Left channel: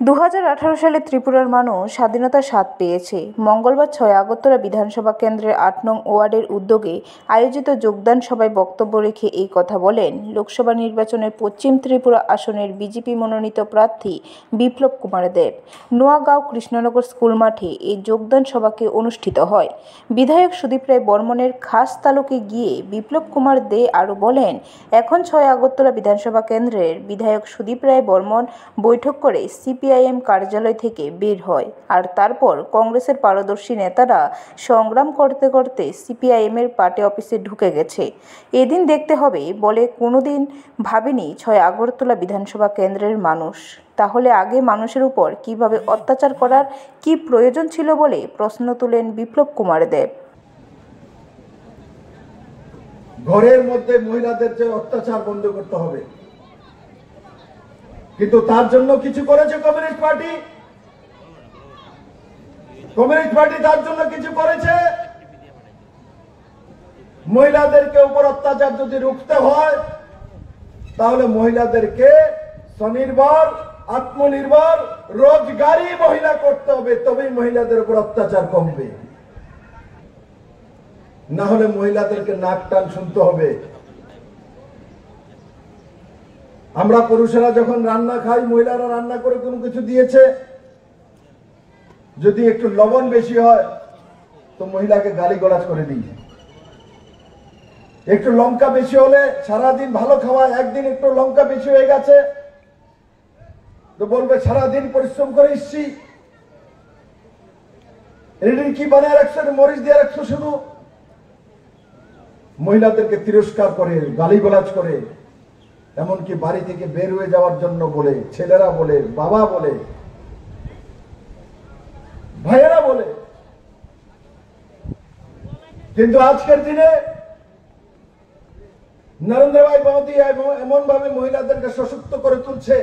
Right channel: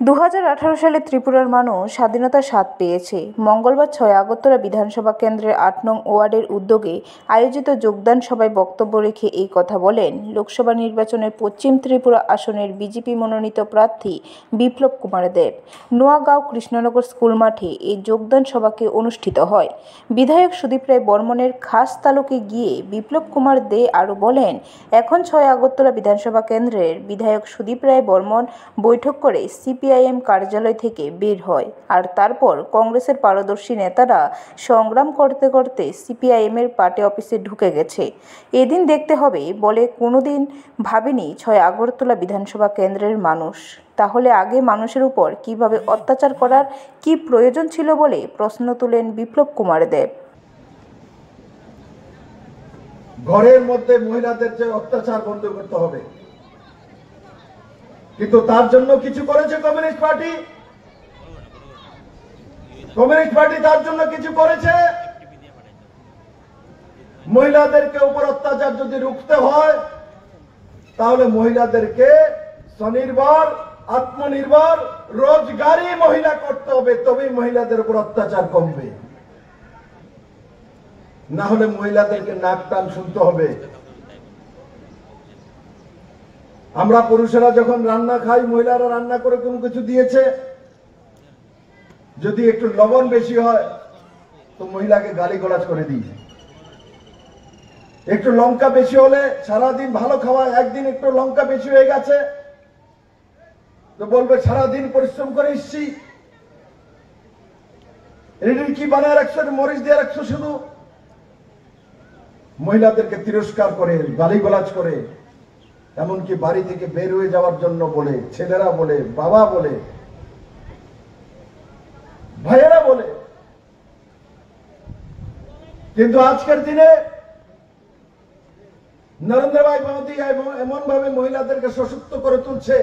2018 সালে ত্রিপুরার মানুষ স্বাধীনতার স্বাদ পেয়েছে। মঙ্গলবার 6 আগরতলা বিধানসভা কেন্দ্রের 8 নং ওয়ার্ডের উদ্যোগে আয়োজিত যোগদান সভায় বক্তব্য রেখে এই কথা বলেন লোকসভা নির্বাচনের পশ্চিম ত্রিপুরা আসনের বিজেপি মনোনীত প্রার্থী বিপ্লব কুমার দেব। নোয়াগাঁও কৃষ্ণনগর স্কুল মাঠে এই যোগদান সভাকে অনুষ্ঠিত হয়। বিধায়ক সুদীপ রায় বর্মনের খাস তালুকে গিয়ে বিপ্লব কুমার দে আরও বলেন, এখন 6 আগরতলা বিধানসভা কেন্দ্রের বিধায়ক সুদীপ রায় বর্মন বৈঠক করে সিপিআইএম কার্যালয় থেকে বের হয়, আর তারপর কংগ্রেসের পারদর্শী নেতারা সংগ্রাম করতে করতে সিপিআইএমের পার্টি অফিসে ঢুকে গেছে। এদিন দেখতে হবে বলে কোনোদিন ভাবেনি 6 আগরতলা বিধানসভা কেন্দ্রের মানুষ। তাহলে আগে মানুষের উপর কিভাবে অত্যাচার করার কি প্রয়োজন ছিল বলে প্রশ্ন তুলেন বিপ্লব কুমার দেব। ঘরের মধ্যে মহিলাদের যে অত্যাচার বন্ধ করতে হবে, কিন্তু তার জন্য কিছু করেছে কমিউনিস্ট পার্টি। তার জন্য কিছু করেছে। মহিলাদেরকে উপর অত্যাচার যদি রুখতে হয়, তাহলে মহিলাদেরকে স্বনির্ভর, আত্মনির্ভর, রোজগারি মহিলা করতে হবে, তবেই মহিলাদের উপর অত্যাচার কমবে। না হলে মহিলাদেরকে নাক টান শুনতে হবে। আমরা পুরুষেরা যখন রান্না খাই, মহিলারা রান্না করে কোনো কিছু দিয়েছে, যদি একটু লবণ বেশি হয় তো মহিলাকে গালিগালাজ করে দিই। একটু লঙ্কা বেশি হলে, সারাদিন ভালো খাওয়া, একদিন একটু লঙ্কা বেশি হয়ে গেছে তো বলবে সারাদিন পরিশ্রম করে এসছি, এদিন কি বানায় রাখছো, মরিচ দিয়ে রাখছো। শুধু মহিলাদেরকে তিরস্কার করে, গালিগালাজ করে, এমনকি বাড়ি থেকে বের হয়ে যাওয়ার জন্য বলে, ছেলেরা বলে, বাবা বলে, ভাইয়েরা বলে। কিন্তু আজকের দিনে নরেন্দ্র ভাই মোদী এমন ভাবে মহিলাদেরকে সশক্ত করে তুলছে,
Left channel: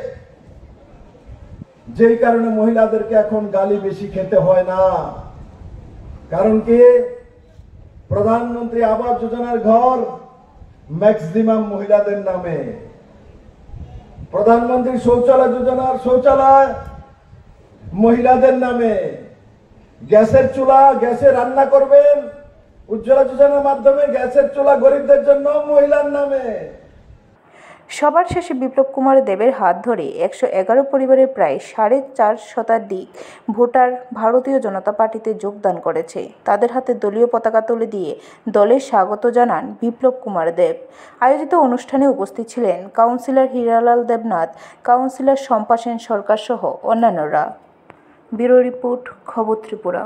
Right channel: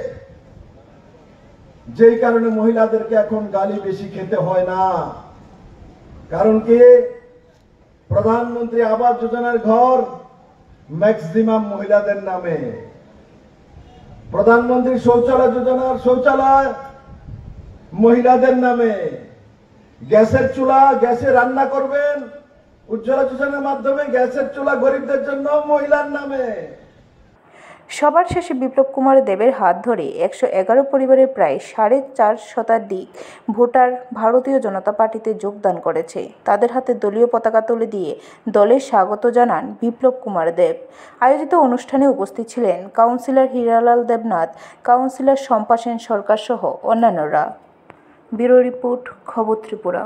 যেই কারণে মহিলাদেরকে এখন গালি বেশি খেতে হয় না। কারণ কি, প্রধানমন্ত্রী আবাস যোজনার ঘর ম্যাক্সিমাম মহিলাদের নামে, প্রধানমন্ত্রী শৌচালয় যোজনার শৌচালয় মহিলাদের নামে, গ্যাসের চুলা, গ্যাসে রান্না করবেন উজ্জ্বলা যোজনার মাধ্যমে, গ্যাসের চুলা গরিবদের জন্য মহিলার নামে। সবার শেষে বিপ্লব কুমার দেবের হাত ধরে 111 পরিবারের প্রায় 4.5 শতাধিক ভোটার ভারতীয় জনতা পার্টিতে যোগদান করেছে। তাদের হাতে দলীয় পতাকা তুলে দিয়ে দলের স্বাগত জানান বিপ্লব কুমার দেব। আয়োজিত অনুষ্ঠানে উপস্থিত ছিলেন কাউন্সিলর হীরালাল দেবনাথ, কাউন্সিলর শম্পা সেন সরকার সহ অন্যান্যরা। ব্যুরো রিপোর্ট, খবর ত্রিপুরা।